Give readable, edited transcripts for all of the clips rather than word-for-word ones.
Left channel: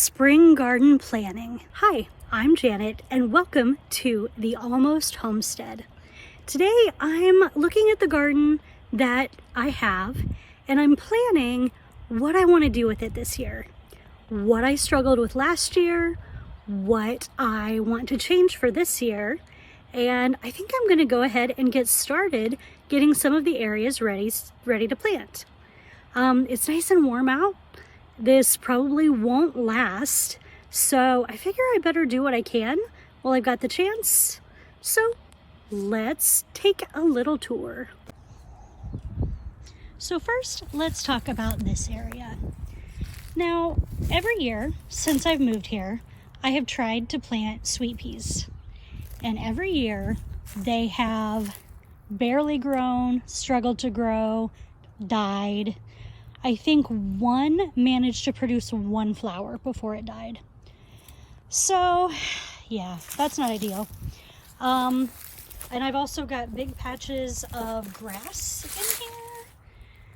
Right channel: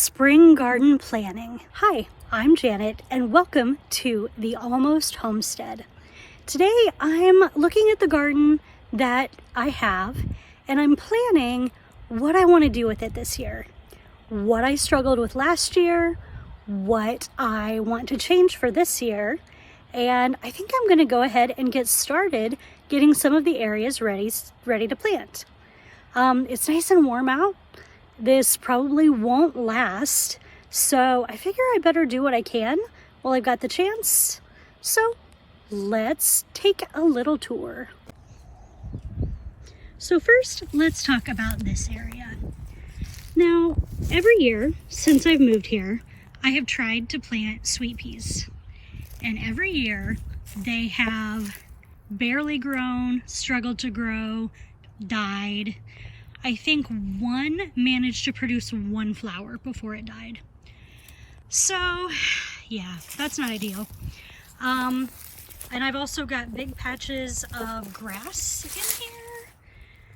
Spring garden planning. Hi, I'm Janet and welcome to the Almost Homestead. Today I'm looking at the garden that I have and I'm planning what I want to do with it this year. What I struggled with last year, what I want to change for this year, and I think I'm going to go ahead and get started getting some of the areas ready to plant. It's nice and warm out. This probably won't last, so I figure I better do what I can while I've got the chance. So let's take a little tour. So first, let's talk about this area. Now, every year since I've moved here, I have tried to plant sweet peas. And every year they have barely grown, struggled to grow, died. I think one managed to produce one flower before it died. So yeah, that's not ideal. And I've also got big patches of grass in here.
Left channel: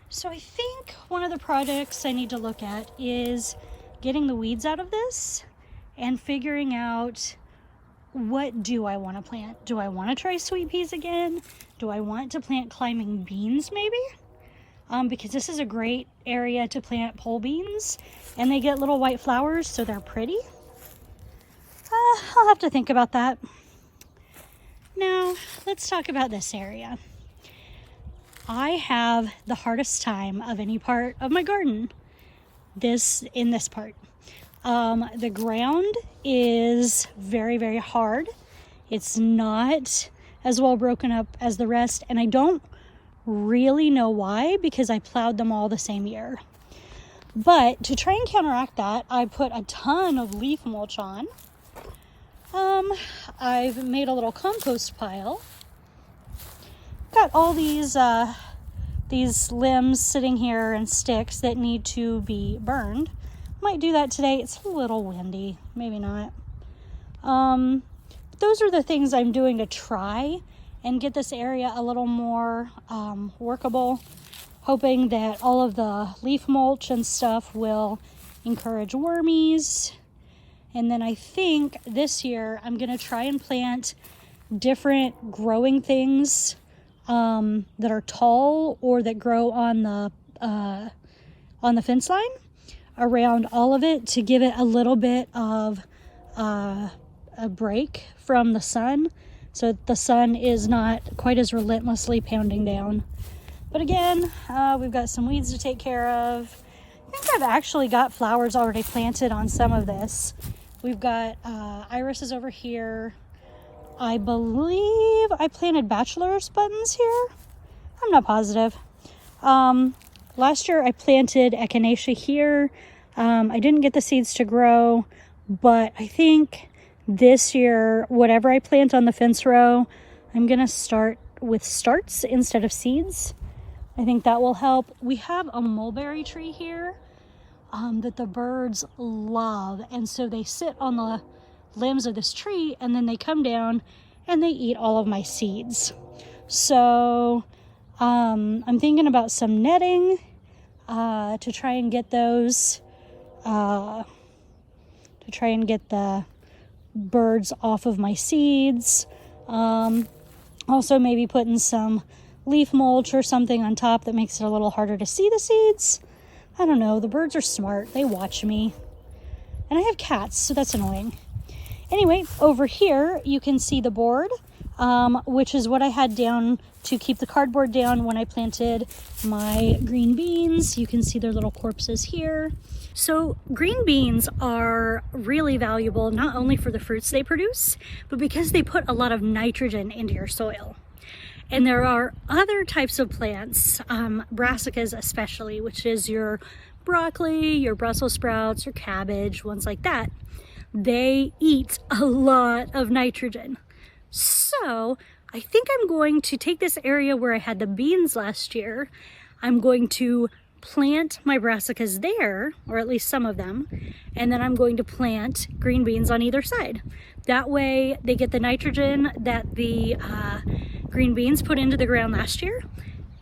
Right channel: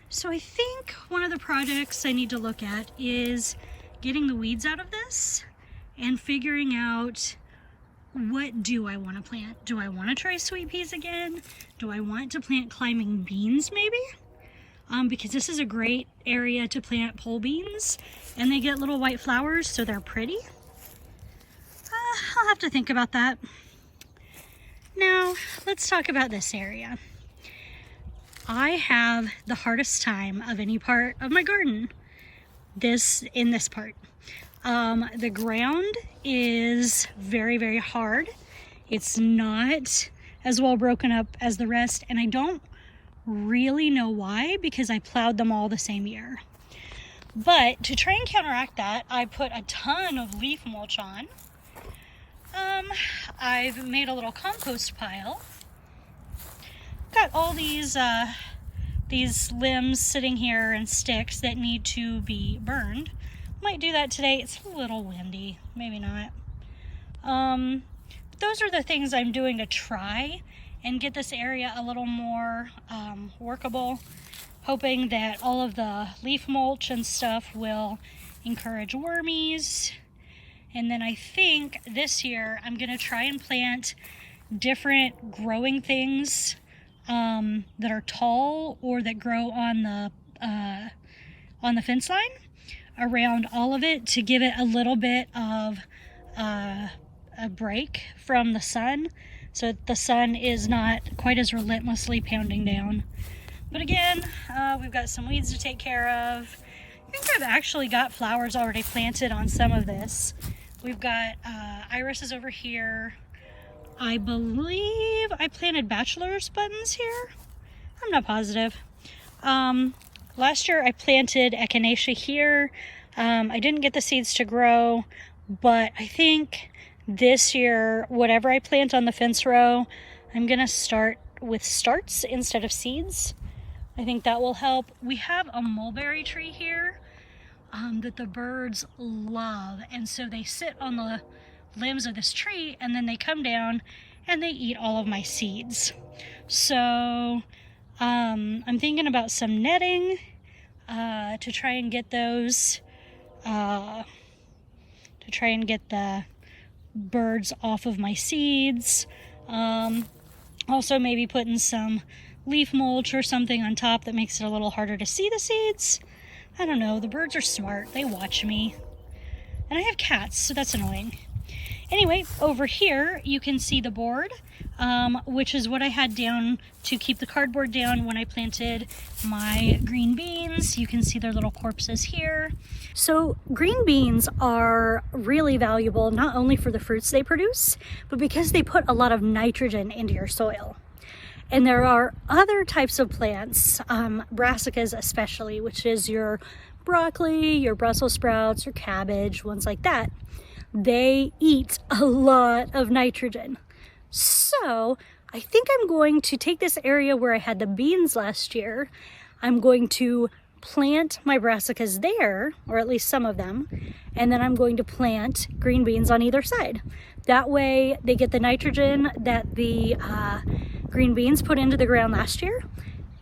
So I think one of the projects I need to look at is getting the weeds out of this and figuring out, what do I want to plant? Do I want to try sweet peas again? Do I want to plant climbing beans maybe? Because this is a great area to plant pole beans and they get little white flowers, so they're pretty. I'll have to think about that. Now, let's talk about this area. I have the hardest time of any part of my garden in this part. The ground is very, very hard. It's not as well broken up as the rest, and I don't really know why, because I plowed them all the same year. But to try and counteract that, I put a ton of leaf mulch on. I've made a little compost pile. Got all these limbs sitting here and sticks that need to be burned. Might do that today. It's a little windy, maybe not. But those are the things I'm doing to try and get this area a little more workable, hoping that all of the leaf mulch and stuff will encourage wormies. And then I think this year I'm gonna try and plant different growing things that are tall or that grow on the fence line around all of it, to give it a little bit of a break from the sun, so that the sun is not quite as relentlessly pounding down. But again, we've got some weeds to take care of. I think I've actually got flowers already planted on some of this. We've got irises over here. I believe I planted bachelor's buttons here. I'm not positive. Last year I planted echinacea here. I didn't get the seeds to grow, but I think this year, whatever I plant on the fence row, I'm gonna start with starts instead of seeds. I think that will help. We have a mulberry tree here that the birds love, and so they sit on the limbs of this tree and then they come down and they eat all of my seeds. So I'm thinking about some netting to try and get those, to try and get the birds off of my seeds. Also maybe putting some leaf mulch or something on top that makes it a little harder to see the seeds. I don't know, the birds are smart, they watch me. And I have cats, so that's annoying. Anyway, over here you can see the board, which is what I had down to keep the cardboard down when I planted my green beans. You can see their little corpses here. So green beans are really valuable, not only for the fruits they produce, but because they put a lot of nitrogen into your soil. And there are other types of plants, brassicas especially, which is your broccoli, your Brussels sprouts, your cabbage, ones like that. They eat a lot of nitrogen. So I think I'm going to take this area where I had the beans last year. I'm going to plant my brassicas there, or at least some of them, and then I'm going to plant green beans on either side. That way they get the nitrogen that the green beans put into the ground last year,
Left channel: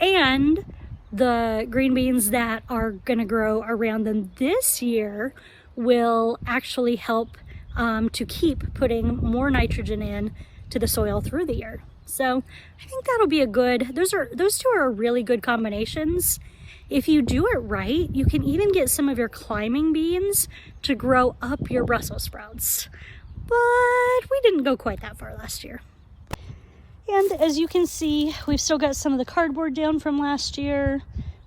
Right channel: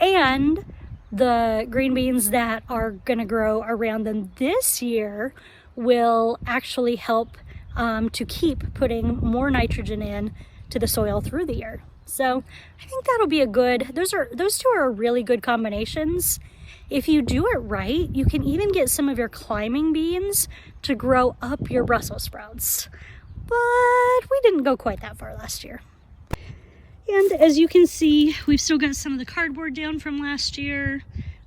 and the green beans that are gonna grow around them this year will actually help to keep putting more nitrogen in to the soil through the year. So I think that'll be a good, those two are really good combinations. If you do it right, you can even get some of your climbing beans to grow up your Brussels sprouts. But we didn't go quite that far last year. And as you can see, we've still got some of the cardboard down from last year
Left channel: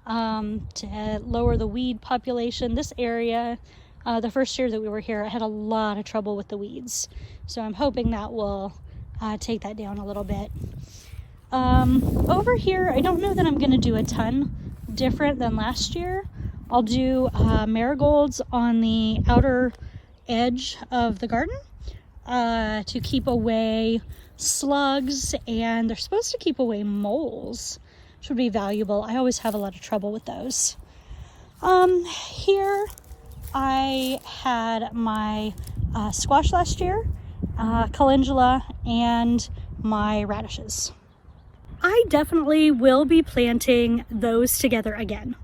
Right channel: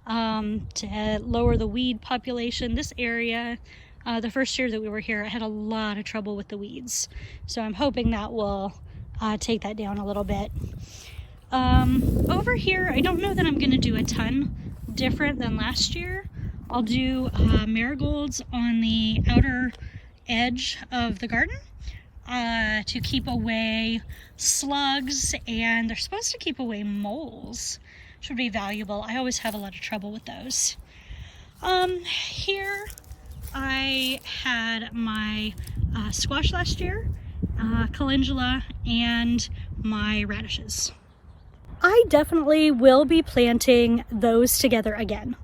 to lower the weed population. This area, the first year that we were here, I had a lot of trouble with the weeds. So I'm hoping that will take that down a little bit. Over here, I don't know that I'm gonna do a ton different than last year. I'll do marigolds on the outer edge of the garden to keep away slugs, and they're supposed to keep away moles, which would be valuable. I always have a lot of trouble with those. Here I had my squash last year, calendula, and my radishes. I definitely will be planting those together again.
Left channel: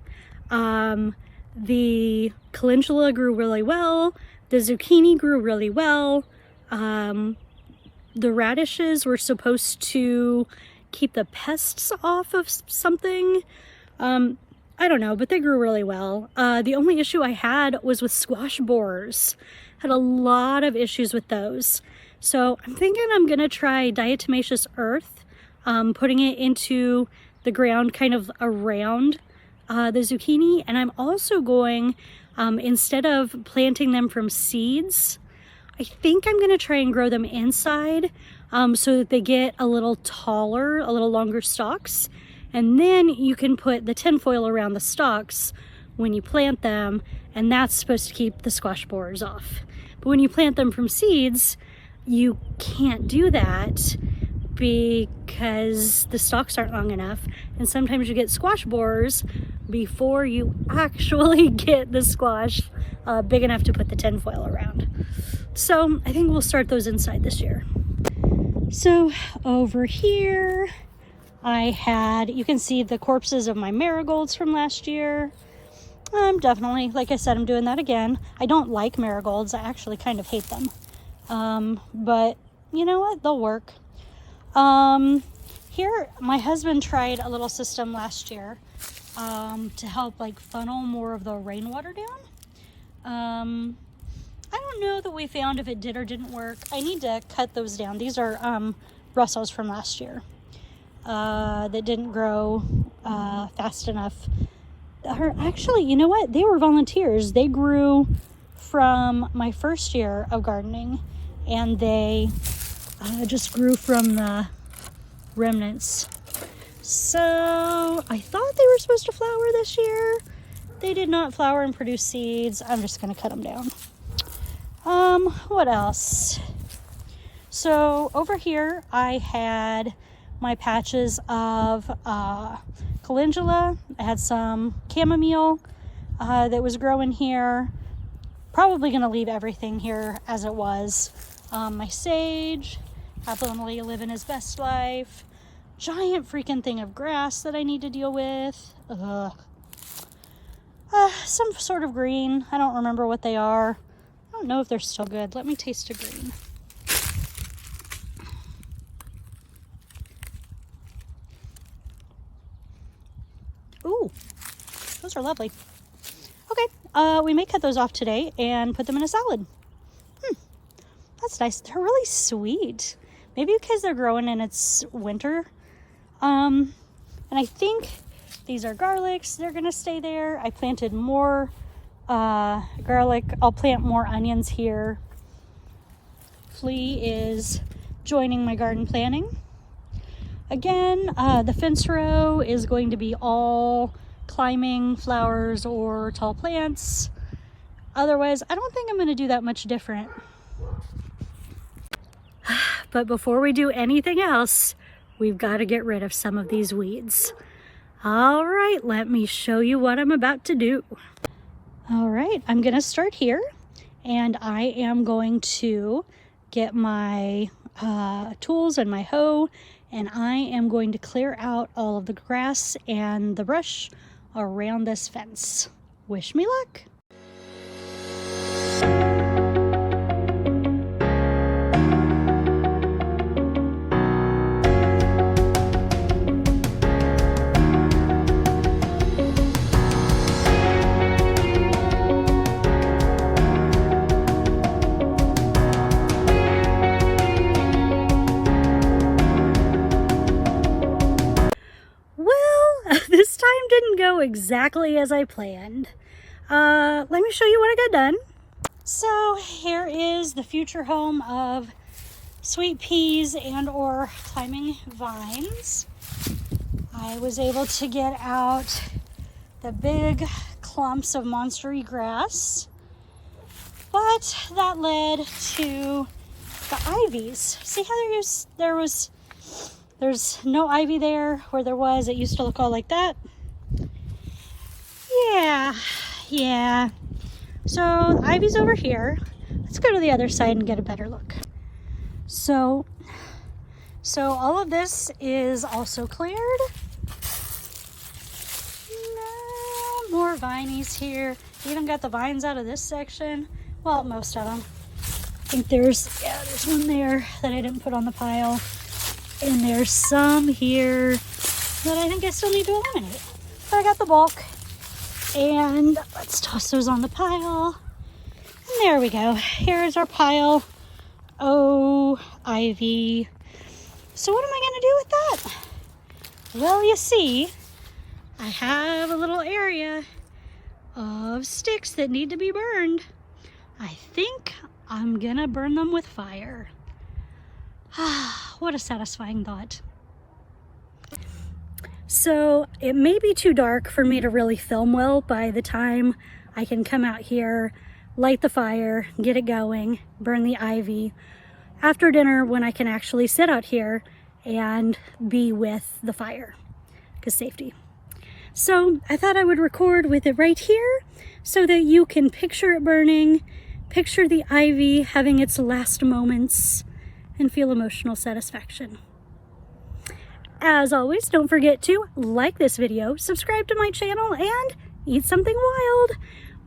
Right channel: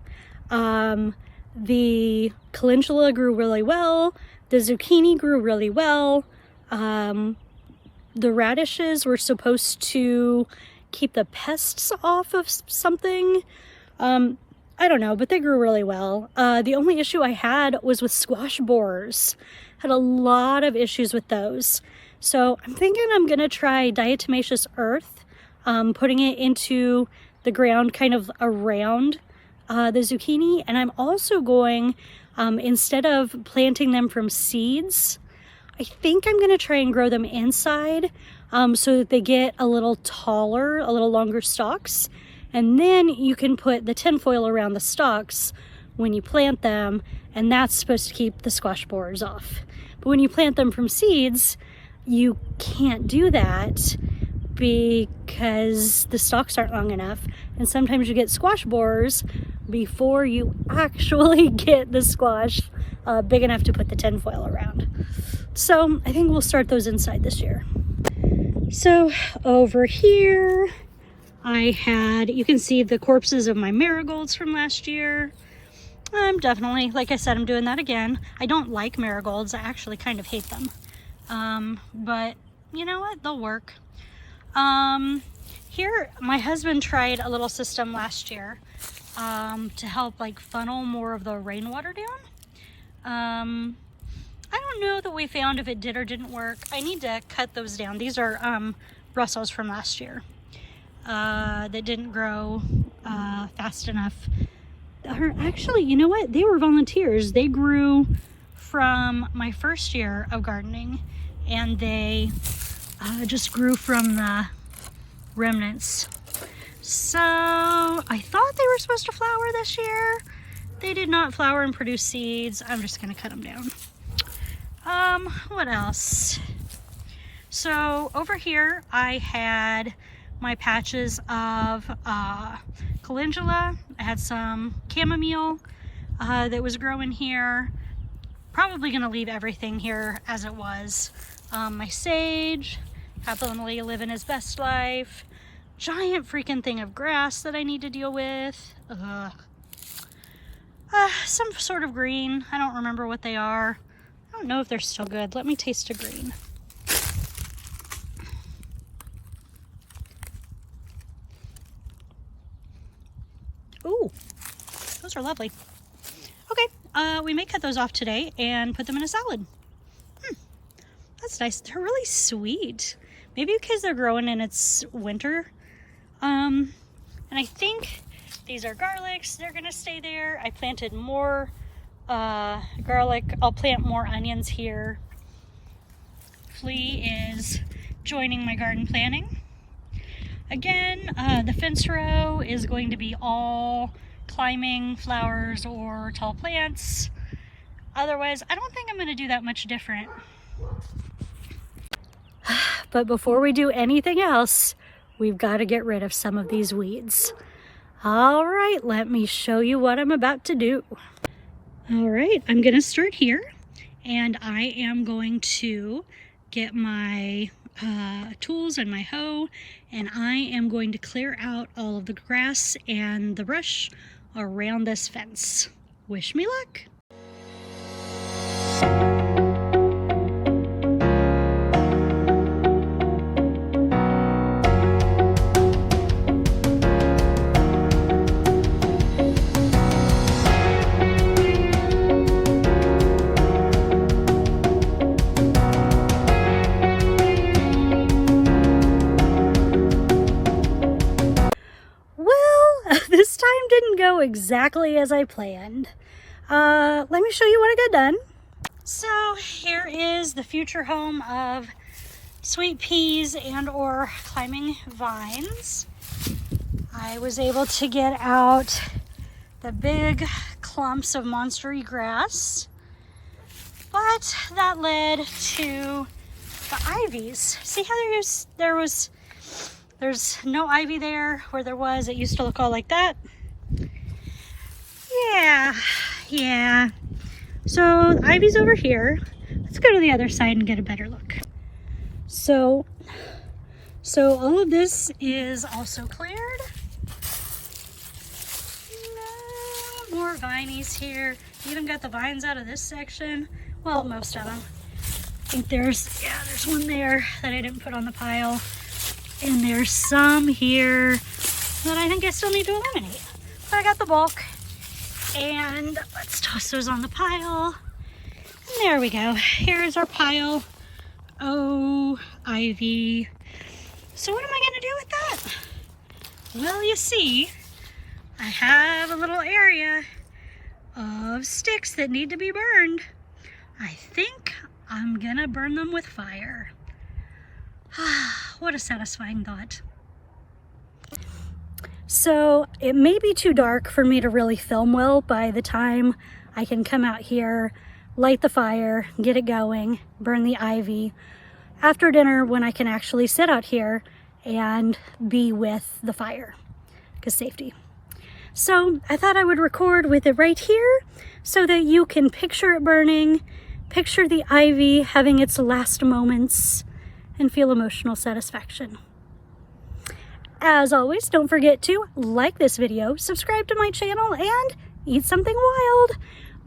The calendula grew really well. The zucchini grew really well. The radishes were supposed to keep the pests off of something. I don't know, but they grew really well. The only issue I had was with squash borers. Had a lot of issues with those. So I'm thinking I'm gonna try diatomaceous earth, putting it into the ground kind of around the zucchini. And I'm also going, instead of planting them from seeds, I think I'm gonna try and grow them inside so that they get a little taller, a little longer stalks. And then you can put the tinfoil around the stalks when you plant them, and that's supposed to keep the squash borers off. But when you plant them from seeds, you can't do that because the stalks aren't long enough. And sometimes you get squash borers before you actually get the squash big enough to put the tinfoil around. So I think we'll start those inside this year. So over here, I had, you can see the corpses of my marigolds from last year. I'm definitely, like I said, I'm doing that again. I don't like marigolds. I actually kind of hate them. But you know what? They'll work. Here, my husband tried a little system last year to help like funnel more of the rainwater down. I don't know that we found if it did or didn't work. I need to cut those down. These are Brussels from last year that didn't grow fast enough. Actually, you know what? They were volunteers. They grew from my first year of gardening, and they just grew from the remnants. So I thought they were supposed to flower this year. They did not flower and produce seeds. I'm just gonna cut them down. What else? So over here I had my patches of calendula. I had some chamomile that was growing here. Probably gonna leave everything here as it was. My sage, happily living his best life. Giant freaking thing of grass that I need to deal with. Some sort of green. I don't remember what they are. I don't know if they're still good. Let me taste a green. Ooh, those are lovely. Okay, we may cut those off today and put them in a salad. That's nice. They're really sweet. Maybe because they're growing in its winter. And I think these are garlics. They're gonna stay there. I planted more garlic. I'll plant more onions here. Flea is joining my garden planning. Again, the fence row is going to be all climbing flowers or tall plants. Otherwise, I don't think I'm gonna do that much different. But before we do anything else, we've got to get rid of some of these weeds. All right, let me show you what I'm about to do. All right, I'm gonna start here, and I am going to get my tools and my hoe, and I am going to clear out all of the grass and the brush around this fence. Wish me luck. This time didn't go exactly as I planned. Let me show you what I got done. So here is the future home of sweet peas and or climbing vines. I was able to get out the big clumps of monstery grass, but that led to the ivies. See how there's no ivy there where there was. It used to look all like that. Yeah. So the ivy's over here. Let's go to the other side and get a better look. So all of this is also cleared. No more vinies here. Even got the vines out of this section. Well, most of them. I think there's one there that I didn't put on the pile. And there's some here that I think I still need to eliminate. But I got the bulk. And let's toss those on the pile. And there we go. Here's our pile. Oh, ivy. So what am I gonna do with that? Well, you see, I have a little area of sticks that need to be burned. I think I'm gonna burn them with fire. What a satisfying thought. So it may be too dark for me to really film well by the time I can come out here, light the fire, get it going, burn the ivy. After dinner, when I can actually sit out here and be with the fire, because safety. So I thought I would record with it right here so that you can picture it burning, picture the ivy having its last moments, and feel emotional satisfaction. As always, don't forget to like this video, subscribe to my channel, and eat something wild,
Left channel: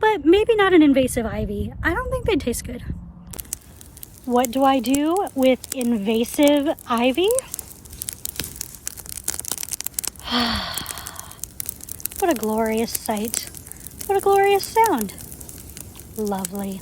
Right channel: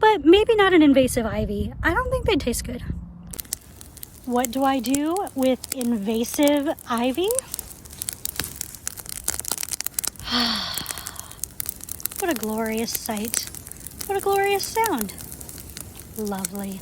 but maybe not an invasive ivy. I don't think they'd taste good. What do I do with invasive ivy? What a glorious sight. What a glorious sound. Lovely.